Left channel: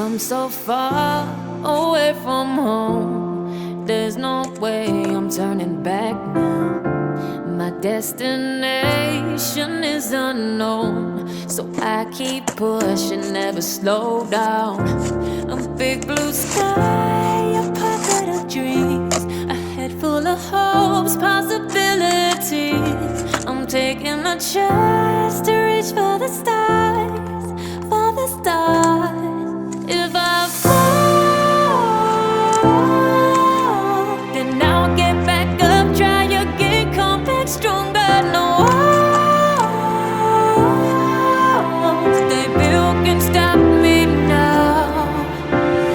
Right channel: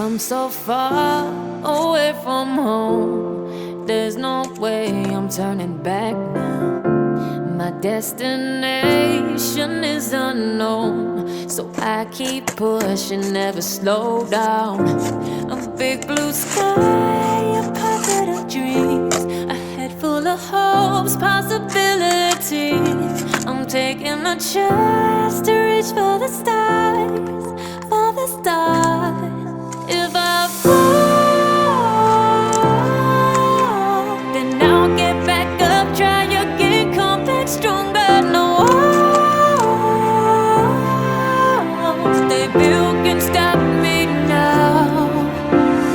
come so far away from home. There's no way I'm turning back now. My destination is unknown, so I keep pushing, never slow down. A big blue sky, a pocket of dreams, a head full of hopes, possibilities. I'm taking a chance to reach for the stars, for the stars. If I fall, then I'll get back up, try again, come back stronger. No walls they built can stop me now.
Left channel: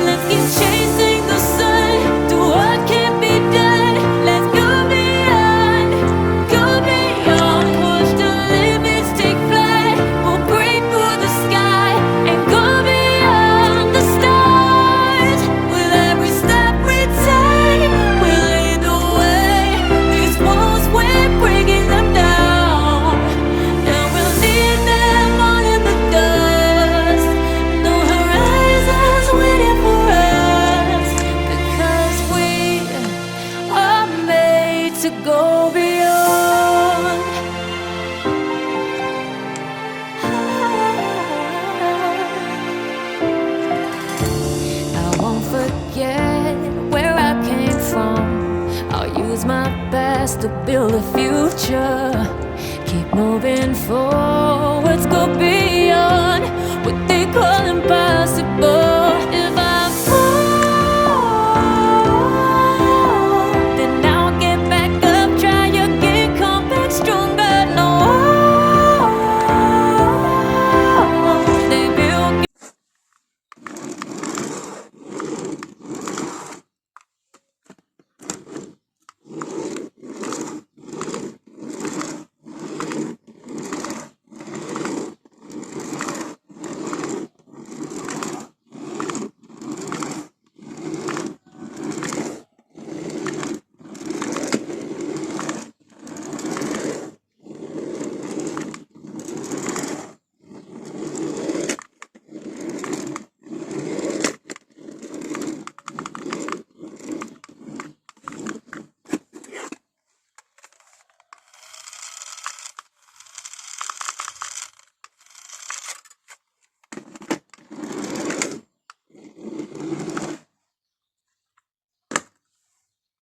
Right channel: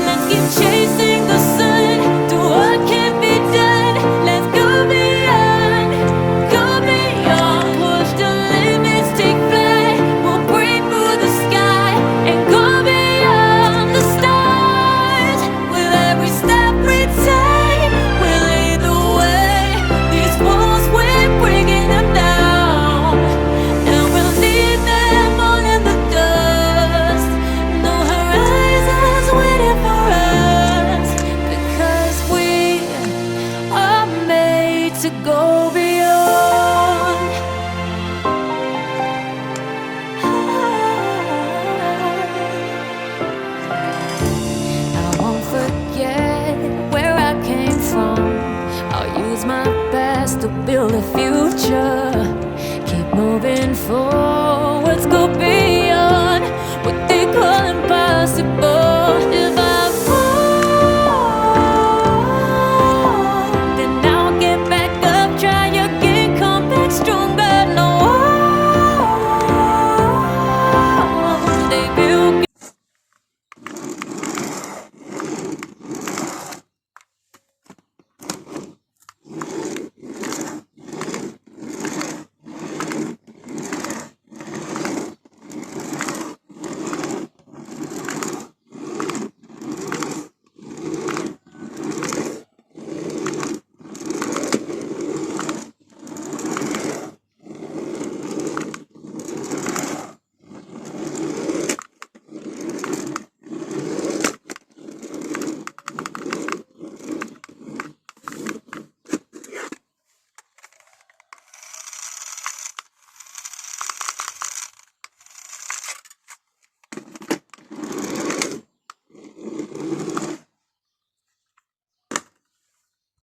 Let's keep chasing the sun, do what can't be done. Let's go beyond, push the limits, take flight. We'll break through the sky and go beyond the stars. With every step we take, we'll lead the way. These walls, we're breaking them down, and we'll leave them all in the dust. No horizons waiting for us, because we are made to go beyond. I won't forget where I came from. I'll use my best to build a future. Keep moving forwards, go beyond what they call impossible. If I